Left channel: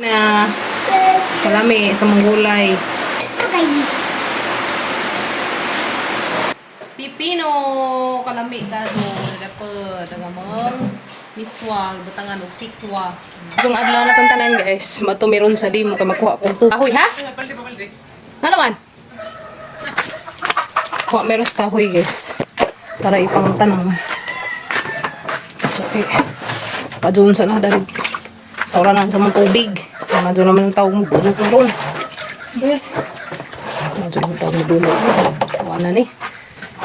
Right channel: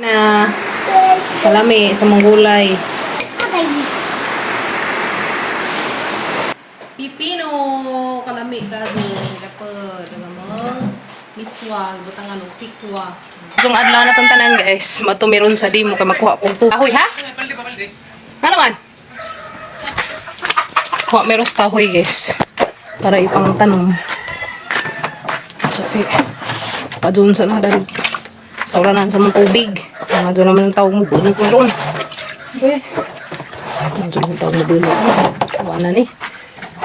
Na kalami sa mga gulay. Pipino kalami dado dagamang miswag batangan og sikwa. Sung adlaw na tong tanan guys, matumiron sa dimo ka makuha kong kahoy ha. Ano man? Kuha meron sa kahoy guys para ipang tanong. Sabi, padun sa na darig. Sauranan sa mga tubig. Medyo naman ang tawag mo. Bunong ko doon. Medyo naman ang tawag mo doon. Kawa na ni.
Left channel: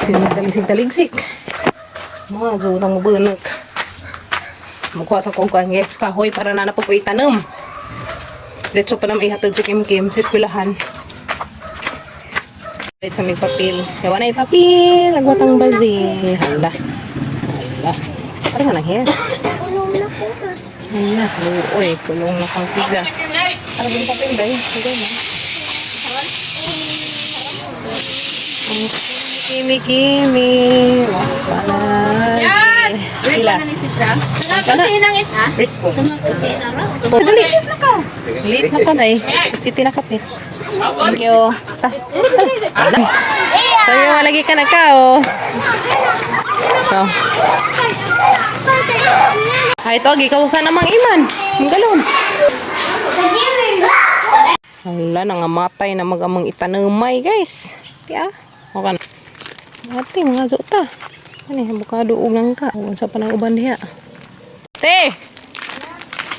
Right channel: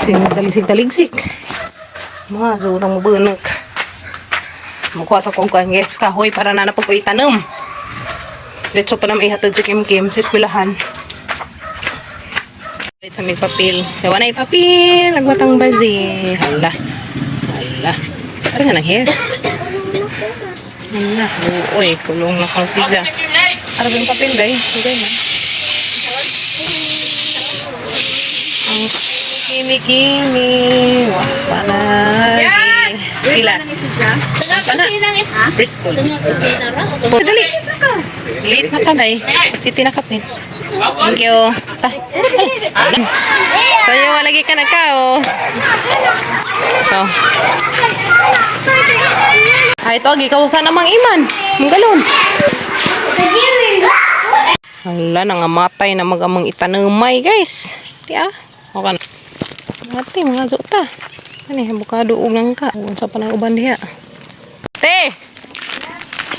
Sinagdalisig-taligsik. Medyo naman mo bunag. Magkuha sa kong guys. Kahoy para na napag ko itanam. Dito pa naman ihatid si Kim Kim sa eskwelahan. Dito may papel. Yawa na papel. Nagwatang bazi. Hala. Hala. Parang nga ng hair. Hala. Uy, kulong na ko siya. Ano ba yung papel guys? Sige na. Ang kimi-kimi. Palagi. Ila. Preschool. Dali. Late na ka na eh. Kasi tinakapin. Thank you. Sa'yo, lagi ka na kaos. Ito. Ay, ito. Gikawasan namang iman. Ang galon. Hala, nangamatay na magamang itanumay, guys. Diya. Okay na. Mati, mga zuta. Ano eh, bukado ugang ka. Huwag sa panang uban diya. Te!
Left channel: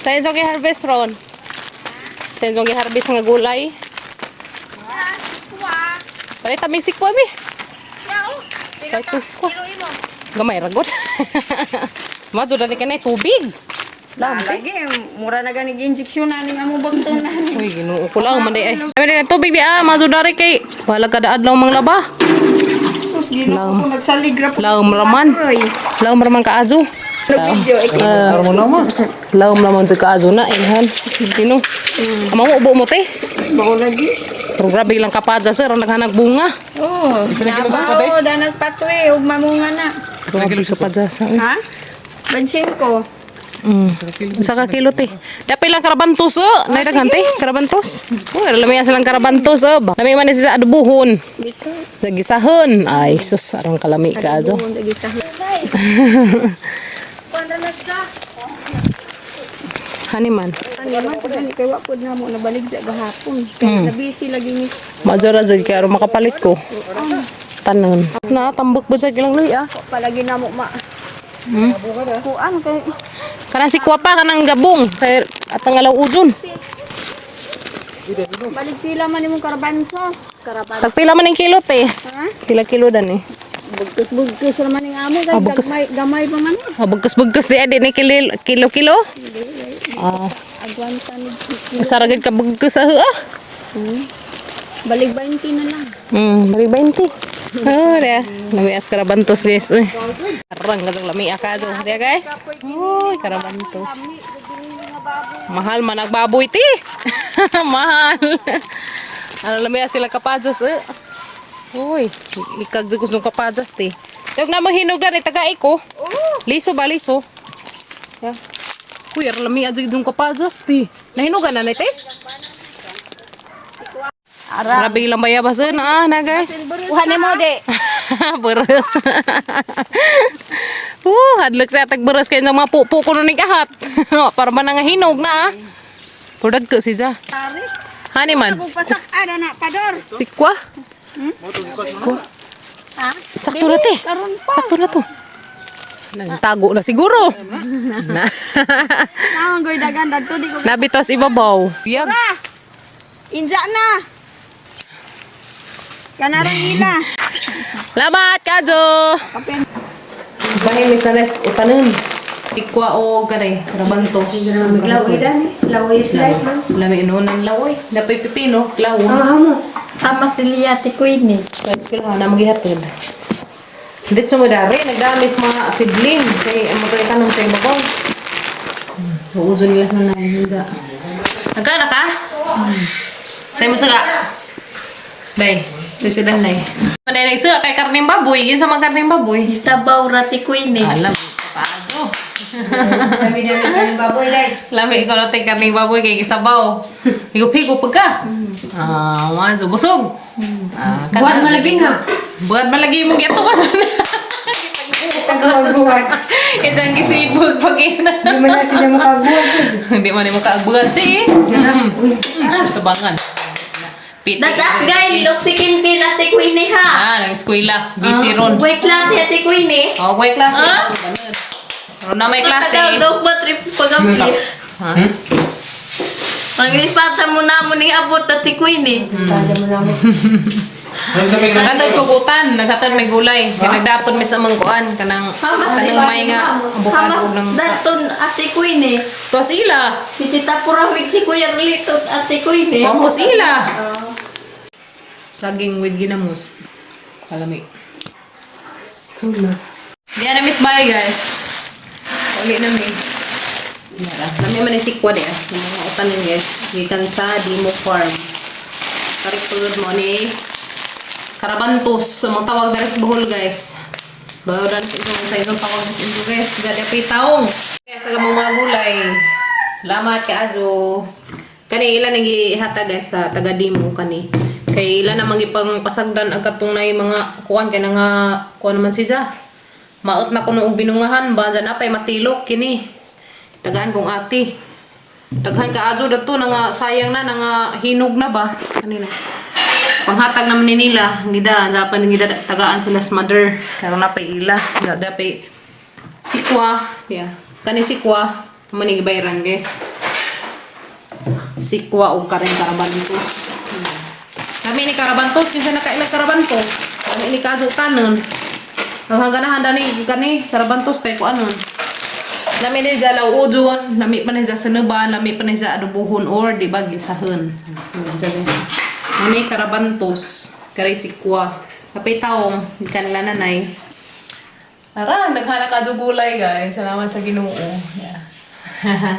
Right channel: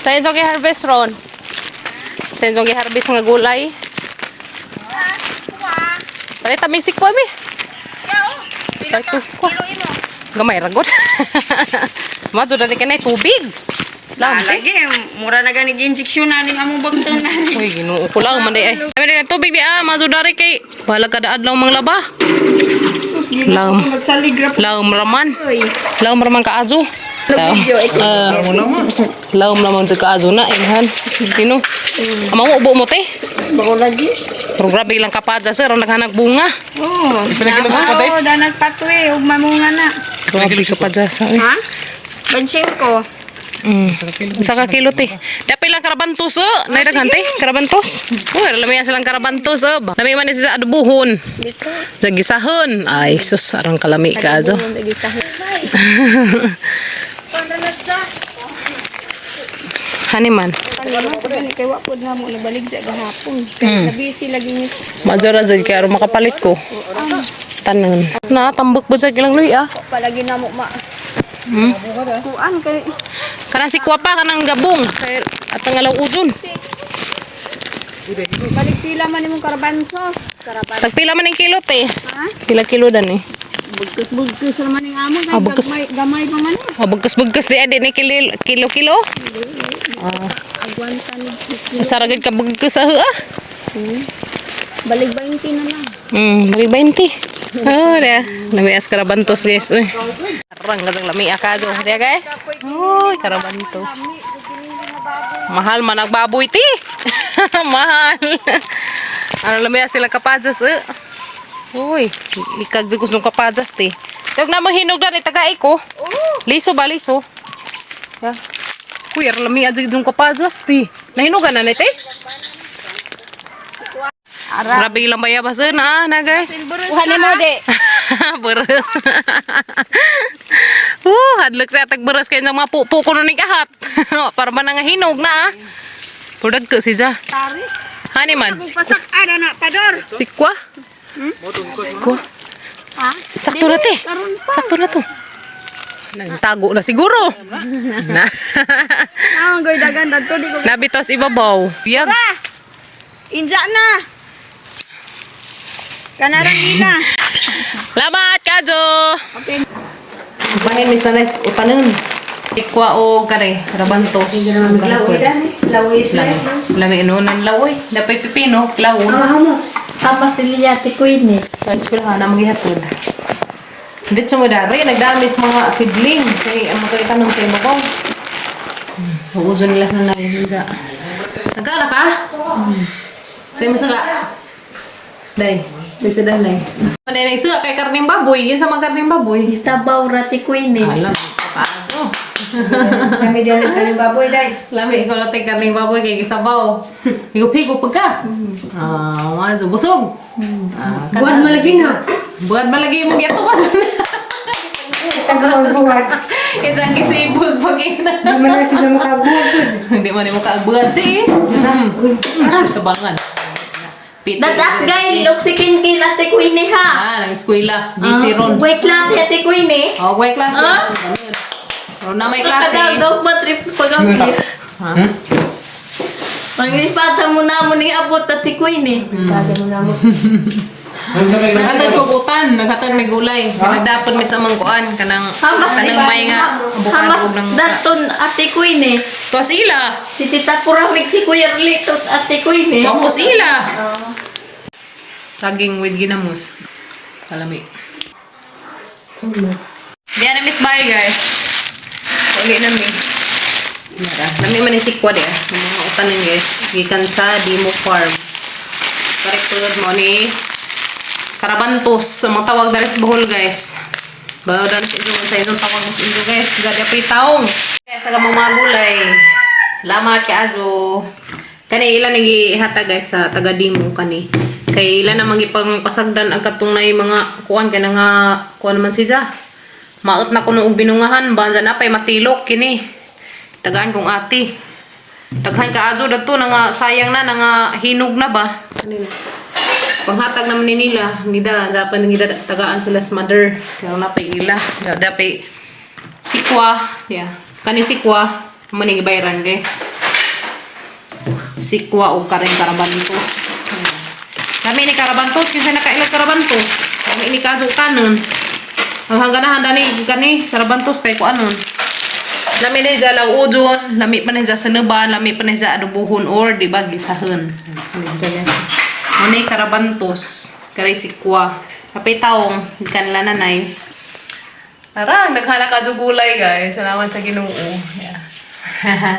Sa'yo sa harvest ron. Sa'yo sa harvest nga gulay. Palita may sikwa, be. Cartus ko. Gamay ragot. Mazo dali ka na tubig. Lagi, mura na ganig injeksyon na ning among bagton na ni. Uy, ginuo ko lang man day ay. Kami na tubig di mazo dari kay wala kada adlaw mang laba. Law. Law raman. Law raman ka ajo. Law raman sa ka ajo na ihan. Kino. Amo ubo mo te. Bago lagi. Pero grabe lang kapada sir ang naghanag bunga. Oh, danas patwe ug mamunga na. Grabe kapada sa. Ha? Bensin ko. Saka kilo te. Dapat lang karabantos naidaghan te, karabantos. Oh, lami silang karabantos Lami man sa adubuhon. Sa gisahon. Ay, sus, arang kalami ka ajo. Haniman. Kay wa pud nga mo nabalig sa gahapon. Nabisi lagi ni. Majora jud kay aron makapalit ko. Tanan. Na tambok ba jud lang luy Palagi na mo ma. Kuan kay Kanang si kuwa pa kanang gabong kay atang alaw udon. balik pila man imong karabanso. Tagpila man ning kilo te. Ha? Pila kilo dan eh. Bugkos naman ning amo kay bugkos. gamay pa man. Bugkos di adi ni kilo. Agwanta ni. Masaragid ka bugkos Balik 20 na lang. Balik 20. Dia. Lami as karabantos guys. Uy. Arang kadang lami akado. Dia guys. Uy, karabantos. Mahal man nagbaboy ti. Mahal. Ano lami as sila kapajas Uy, ikag jugos ng kapajas ti. Tawag na mo hinog na ni tagay ko. Liso ba liso? Ya. Uy, lami as jugos ng kapajas ti. Nahinugan na ni te. Grabe ilang bayabas na guys. Kuhan ni mo de. Beres. Hadlok sa tag beres kay mga pupo ko ning kahat. Para man nga hinog na Pudag ko si Ja. Hani man. Pasak ada na tador. Sikwa? Sikwa. Ha? Sakto na te. Sakto na to. Nagtago na siguro. Na. Goy dagan dadto di ko. Nabitos ibabaw. Biyag. Inja na. Kanarang na. Lamat kajo. Okay. Bahin mi sanes utanon. Ikwa o kare, rabanto. Lawi slide. Lami inunan lawoy. Dapay pipino, lawo. Amo. Amas niliyati ko ini. Sa eskwelahan na maghihatod. Dito mo dari, nagdamis mga sidling. Kaya ang mga itanong sa ibabaw. Uudyo nila sa nanay. Nagkana ka? Sa'yo mo saka? Day, sisidan day. Manay nagsuka kay karning baboy. Yun sa mga karning baboy. Isabaw rati ko ini. Alam, paano? Kami din ang baboy day. Lami ko natin karning baboy kay gisabaw. Higop-higop pagka. Wazo busog. Buwan malagi na. Buwan malagi mo gito ka. Buwan. Isang kisibog pag-ina. Di man na sila makabuhat. Hindi mo makaagbuhan si. Tabangan. Datas guys, look si Kinkin at si Queenie ha. Nang eskwela. Busy ron. Way klase at si Queenie. May klase. Na may klase. Nakadaw ba trip pag-ampli? Ha? Ang ispata mo na mo ni abot at si Queenie. Naghatag kugutan, naghatag may gulay. Kaya nagdapon may sa mangkuan kanang may nga abukado ng daton at si Queenie. Tos ila. Si Tita Puramig si Kuya Rlito at si Queenie. Pamos ila. Saging with ginamos. Kalami. Diyan na Miss Bye guys. Uli na mi. Mara, nami man si Kwade. Ng mga utanan guys. Gikan sa Dimo Farm. Paritulad mo ni Karabantos. Sa mga tawag na rin sa Bohol guys. Bago na sa inyong tawag na sa inyo guys. Gadi pa taong. Kaya sa mga gulay. Salamat kay Ajo. Kani ilan nagihata guys sa taga Dimo kani. Kay ilan namang ipang pasagdan ang katong na mga kuan kay nga kuan man siya. Maot na kuno og binungahan banza na pay matilok kini. Tagaan kong ati. Daghan ka Ajo dato na nga sayang na nga hinog na ba kanino. Panghatag naman ni nila ngida Japan ngida tagaan sila sa mother karon na pay ila da pay sikwa yeah kani sikwa man ni bayran guys. Sikwa og kareng karabantos. Kami ni karabantos kinsa nakailang karabantos. Kami ni kaso kanon. Ang hanganahan dani kani karabantos kay kuanon. Lami ni jalaw udon, lami pa ni sa seneba, lami pa ni sa adobohon or di ba gisahon. Muni karabantos, kay sikwa. Kapay taong kanila nanay. Arang naghanak ka gulay guys. Salamat sa Ginoo. Yeah.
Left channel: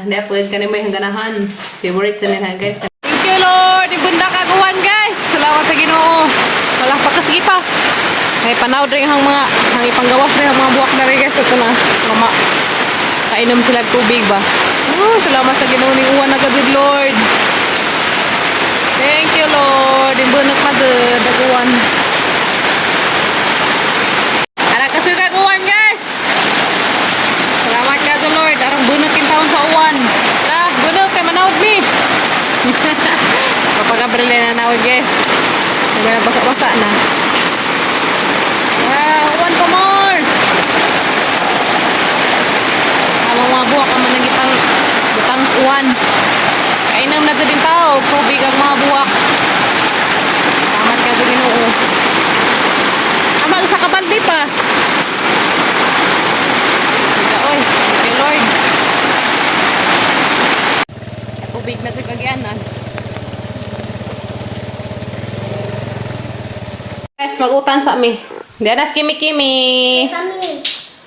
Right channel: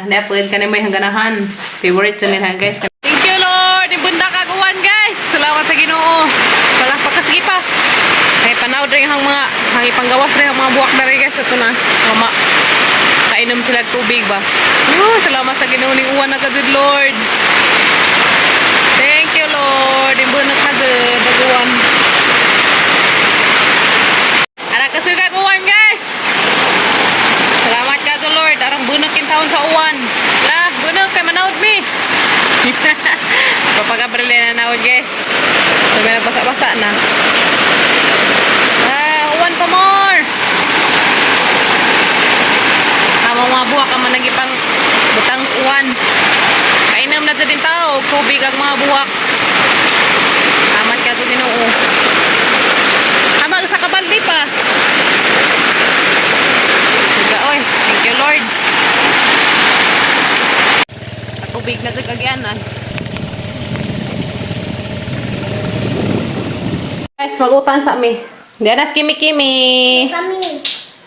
Napod ka na may hangganahan. Favorite channel ha guys. Thank you Lord. Ibunda kaguan guys. Salamat sa Ginoo. Wala pagkasigi pa. May panawd rin ang mga ipanggawas rin ang mga buwak na rin guys. Ito na. Mama. Kainom sila tubig ba. Salamat sa Ginoo ni uwan na kadud Lord. Thank you Lord. Ibundak na daguan. Anak kasi kaguan guys. Salamat ka to Lord. Arang bunukin taon sa uwan. Lah, bunok kay manawd mi. Papagabrile na nawd guys. Sabi na basa-basa na. Uwan pa more. Amang mga buwak ang managipang butang sa uwan. Kainam na din tao. Kubig ang mga buwak. Salamat ka to Ginoo. Amang sa kabaldi pa. Oy, thank you Lord. Tubig na kagyanan. Guys, mag-utan sa mi. Diyan na kimi-kimi.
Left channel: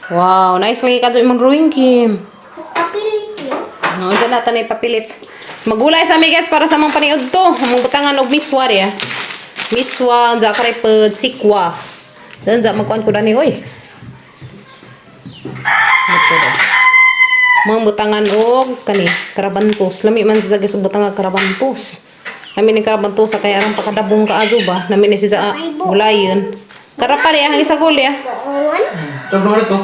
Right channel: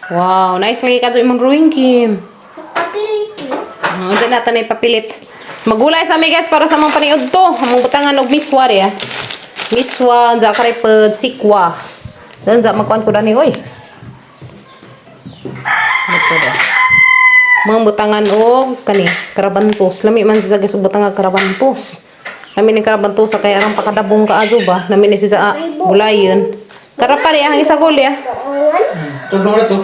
Wow, nice lagi ka imong drawing Kim. Papilit mo. Diyan natin ay papilit. Magulay sa mi guys para sa mga paniud to. Among butangan og miswa ya. Miswa, zakare pod sikwa. Dan za magkuan ko dani oy. Ito da. Mga butangan og kani karabantos. Lami man siya guys og butangan karabantos. Lami ni karabantos kay arang pakadabong ka Ajo ba. Lami ni siya gulayon. Karapari ang isa gol ya. Boongan. Ito to.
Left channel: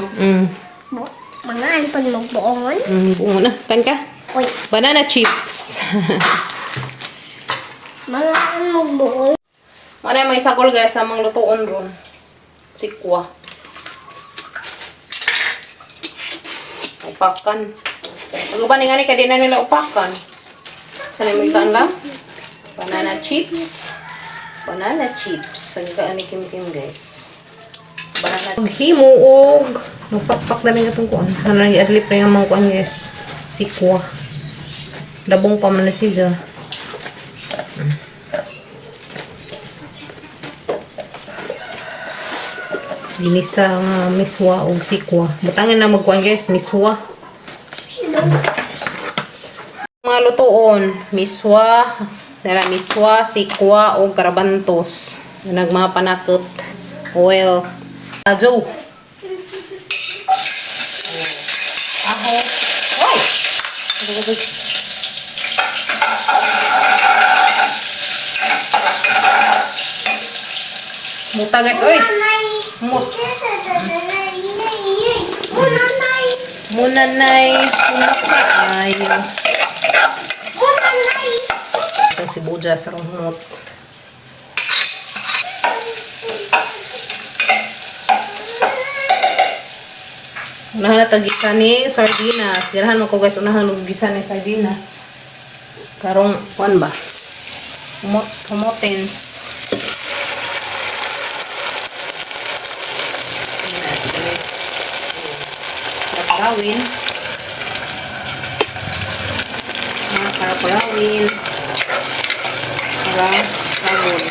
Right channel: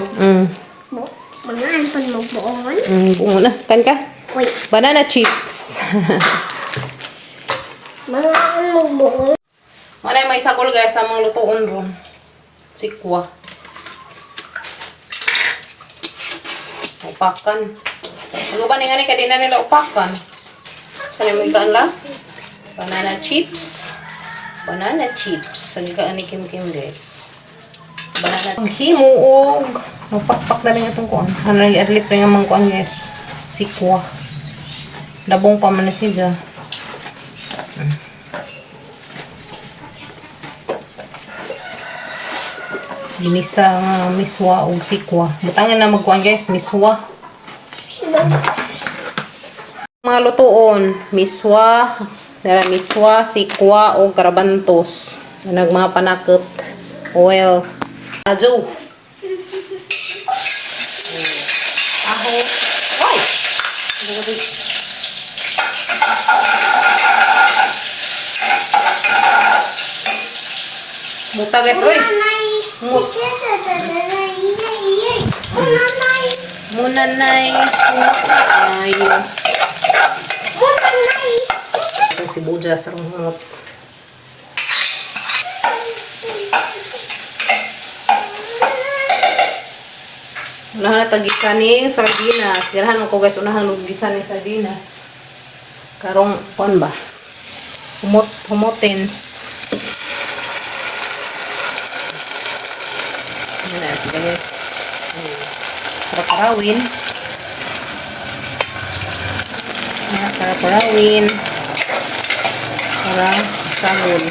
Manain pa ni magboongan. Bungo na. Kan ka? Oy, Banana chips. manain magboongan. Wala may isa gol guys sa mga lutuon ron. Sikwa. Upakan. Naguban nga ni kadi na nila upakan. Saan yung ikaan lang? Banana chips. Banana chips. Ang ikaan ni Kim Kim guys. Banana himuog. Nagpakpak na rin itong kuan. Ano yung adlip rin ang mga kuan guys. Sikwa. Dabong pa man na siya. Ginisa nga miswa o sikwa. Butangan na magkuhan guys, miswa. Mga lutoon, miswa, sikwa o karabantos. Nagmmga panakot. Oil. Ajo. taho. Oy! Muta guys, oy. Mut. Munanay. Ayo. Ang sibuyas sa rumot. Unahan na tagisa ni sardinas. Ganahan mo ko guys, unahan lugisan ni sardinas. Karong, kuan ba? Humotens. Yan na sila guys. Para-parawin. Para-parawin. Para-parawin.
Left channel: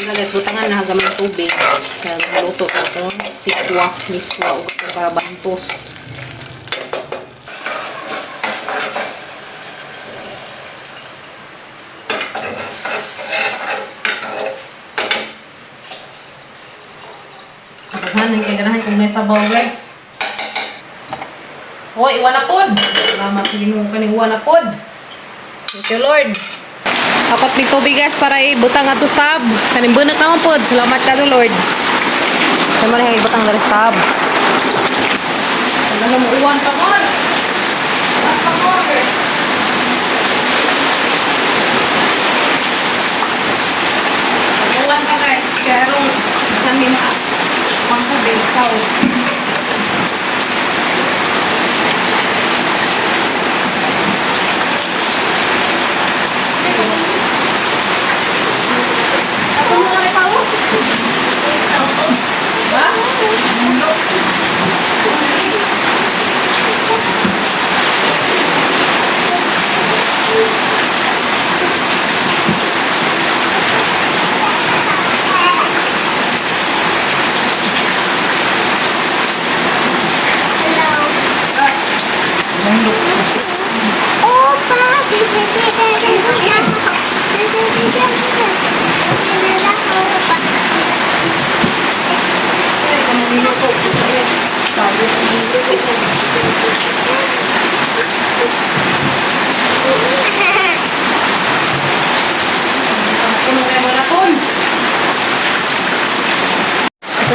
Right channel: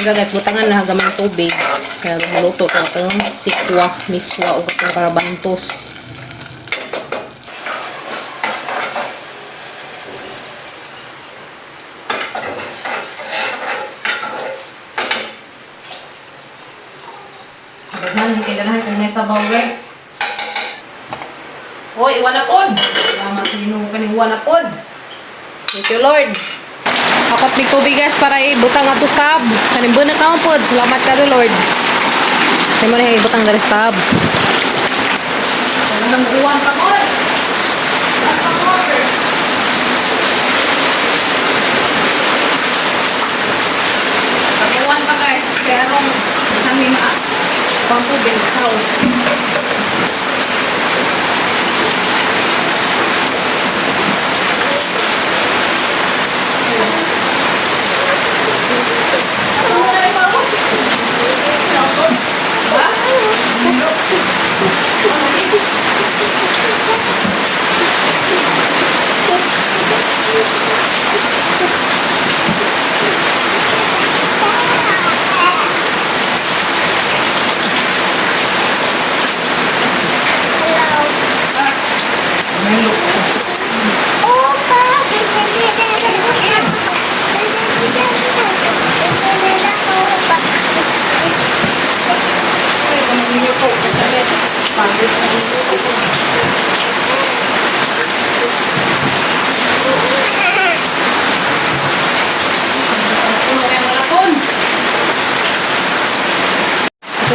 Hanggang guys, butangan na gamit tubig. Kaya maluto ka itong sikwa, miswa, o itong karabantos. Daghan, kailangan kung naisabaw guys. Hoy, iwan na pod. Salamat sa Ginoo kaning iwan na pod. Thank you Lord. Apat mig tubig guys para ibutang ato sab. Kaning bunot na pod. Salamat ka Lord. Sama na ibutang dari sab. Wala mo uwan pa pod. Pa cover. Uwan pa guys. Kaya ron kami pangtubig sao.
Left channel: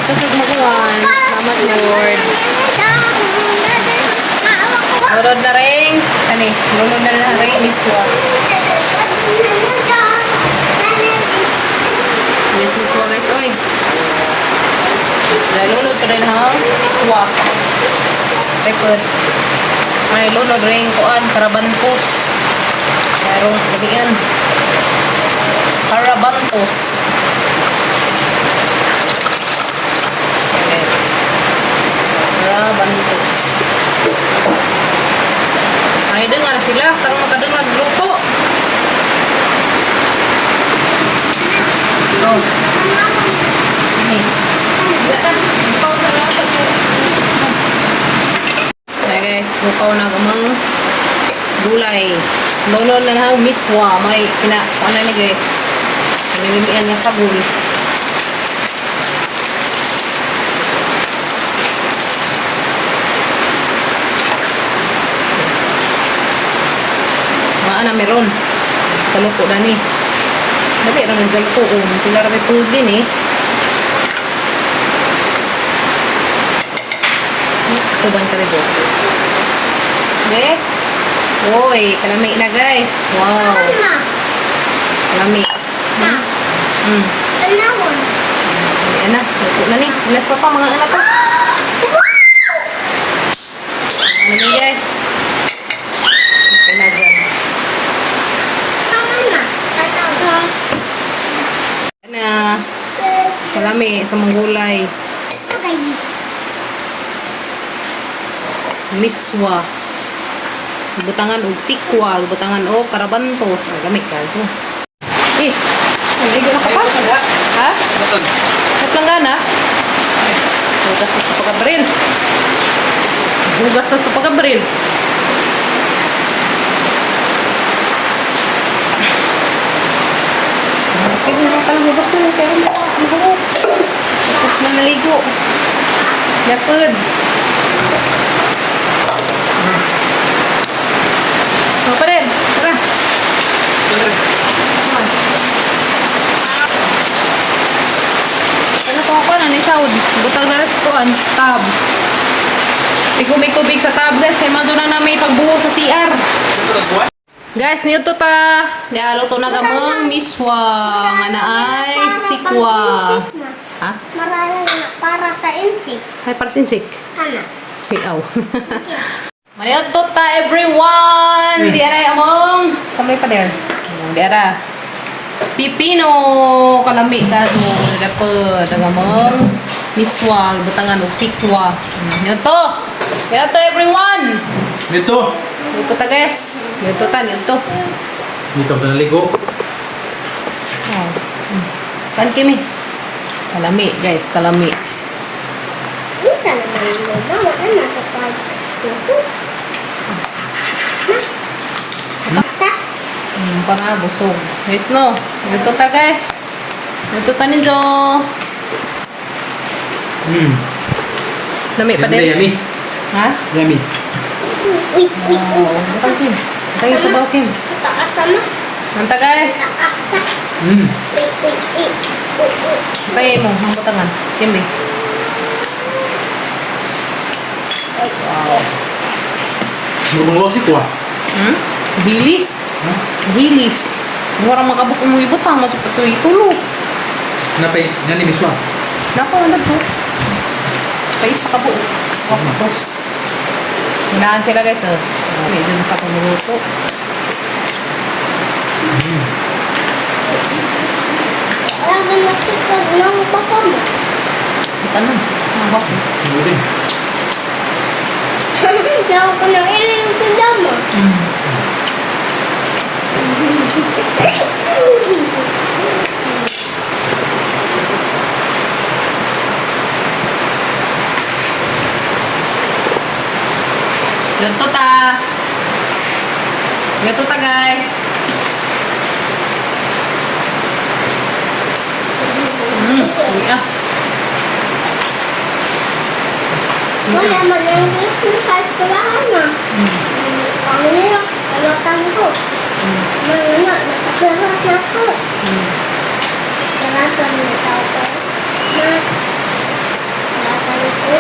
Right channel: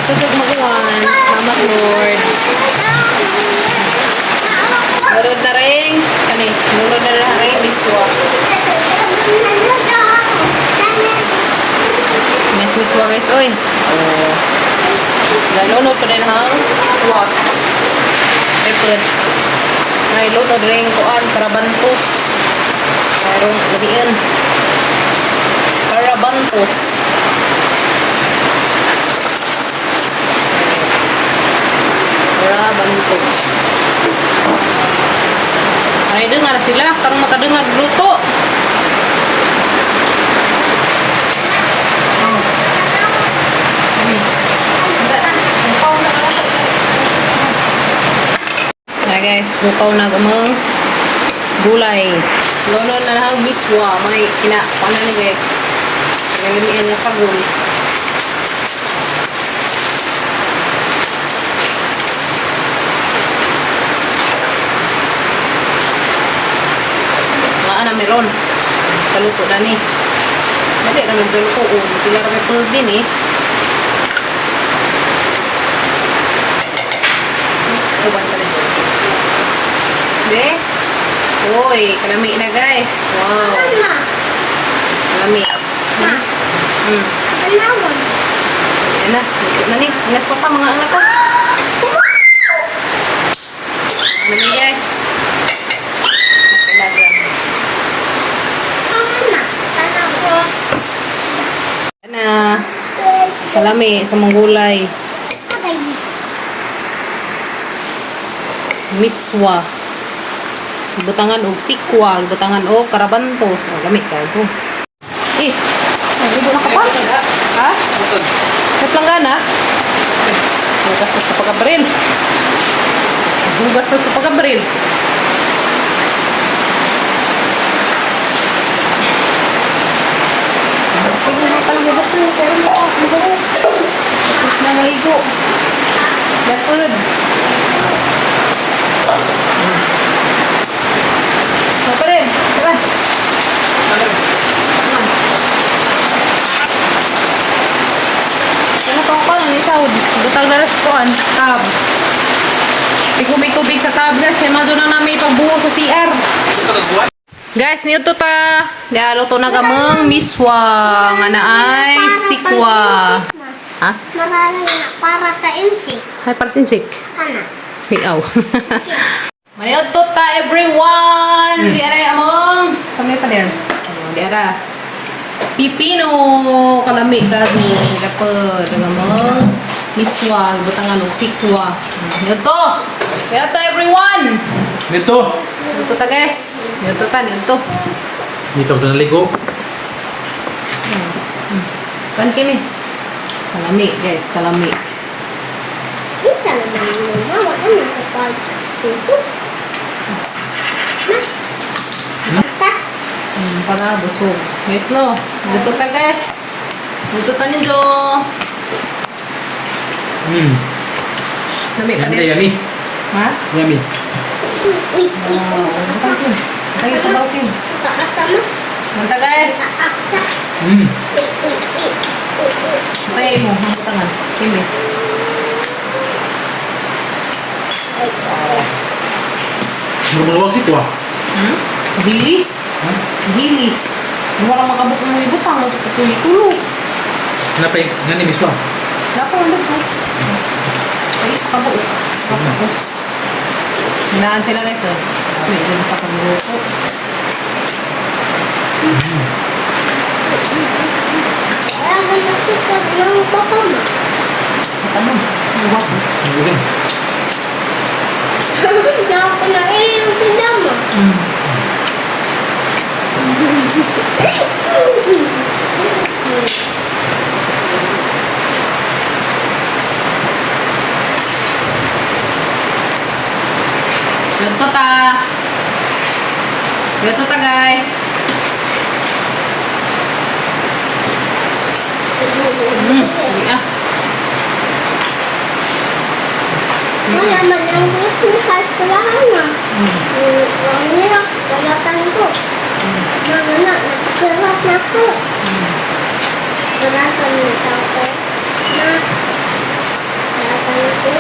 Kusog maguwan. Salamat Lord. Lulod na rin. Kani, lulod na rin. Miswa. Miswa guys, oy. Nalunod ko dahil hang sikwa. Tepod. May lunod rin kuan karabantos. Pero gabiin. Karabantos. Karabantos. Ay dengar sila karong makadengag luto. Oh. Ini. Nah guys, bukaw na gamang gulay. Lono na na miswa, may kina ni guys. Nalimian ng sabon. Nga na meron. Kaluto na ni. Dali raman sa luto ko. Tula raman po din eh. Ubang ka na dyan. Okay? Uy, kalami na guys. Wow. Kalami. Ayan na. Luto na ni. Inas pa mga anak ko. Kalami guys. Okay na dyan. Ayan na. Kalami sa mga gulay. Miswa. Butangan og sikwa, butangan og karabantos. Ang gamit ka. So. Nagligo na ka pa? Ha? Ba't lang gana? Hugas na ito pagkabaril. Hugas na ito pagkabaril. Pwede na pala hugas na. Pero mahugot. Tapos na naligo. Yapod. sahod. Butang na restoran. Tab. Ikubig-kubig sa tab guys. Kaya mga doon na namin ipagbuho sa CR. Guys, niyo to ta. Luto na gamang miswa. Nga na ay sikwa. Ha? Marala na para sa insik. Ay, para sinsik. Kana. Piaw. Mayot to ta everyone. Di ara among. Samay pa din. Di ara. Pipino kalami gado dapat nagamong miswa butangan og sikwa. Mayot to. Mayot to everyone. Dito. Ito ta guys. Ito ta, ito. Dito ka naligo. Kan kimi. Kalami guys, kalami. Minsan naman yung mama na nasa pag-tuto. Tas. Para busog. Guys no. Ito ta guys. Ito ta ninyo. Lami pa Yummy, din. yummy. Ha? Yummy. Tayo sa bawkin. Taas sama. Manta guys. Asa. Tayo mo. Ang tangan. Kimi. Lumulwag si Kwa. Bilis. Bilis. Mura makabuk mo ibutang. Masuk ito ikulo. Napay, nani miswa. Nako, lago. Sa isa ka buo. Tapos. Hinaan sila guys, oh. May dyan sa pagluto. Ayaw na nakikot ng papa mo. Ano? Ang bako. Ano rin? Naw ko na irin si Damo. Ganto ta. Ganto ta guys. Hindi ah. Wala man ang Christmas kahit kulahan na. Ang nilak, kalatan ko. Mga na, nakasarat na ko. Kalatan ni tao ko. Na, kalatan ko.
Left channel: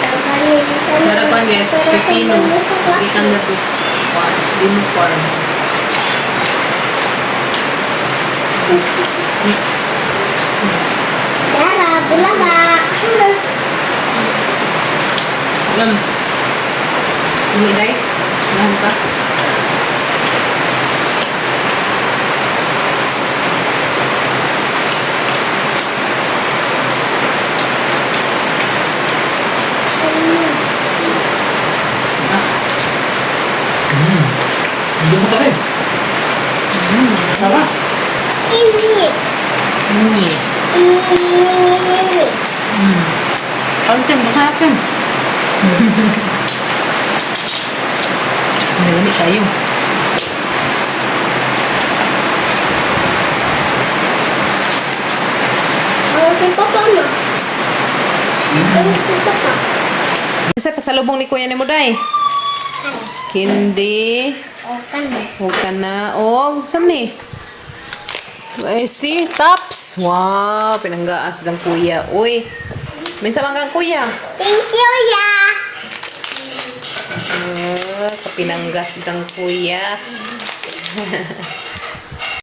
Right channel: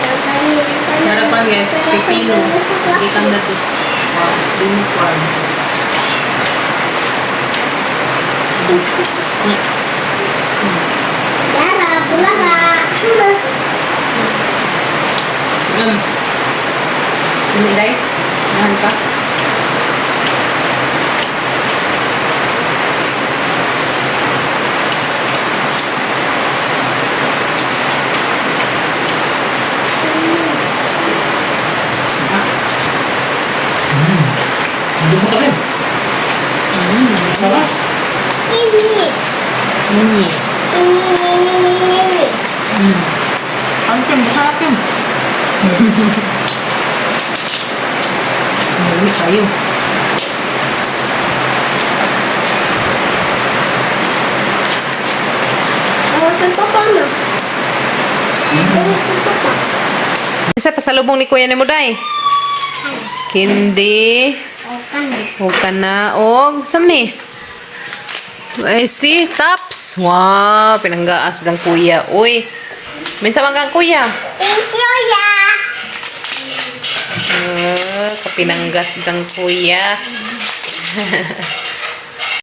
Kalatan ni isa na. Dala pa guys. Pipino. Ikan gatos. Unicorn. Dara, bulaga. Ini day. Mahal ka. Hindi mo ka rin. Sarap. Ini. Ini. Ini. Ang sarap yun. Malamig tayo. Awak ng papa mo. Awak ng papa. Isa pasalubong ni Kuya ni mo day. Kindi. O kan. Huwag ka na. Og, sam ni? Ay, si Taps. Wow, pinanggaas ang kuya. Uy, minsan magang kuya. Thank you, ya. Kapinanggas ang kuya.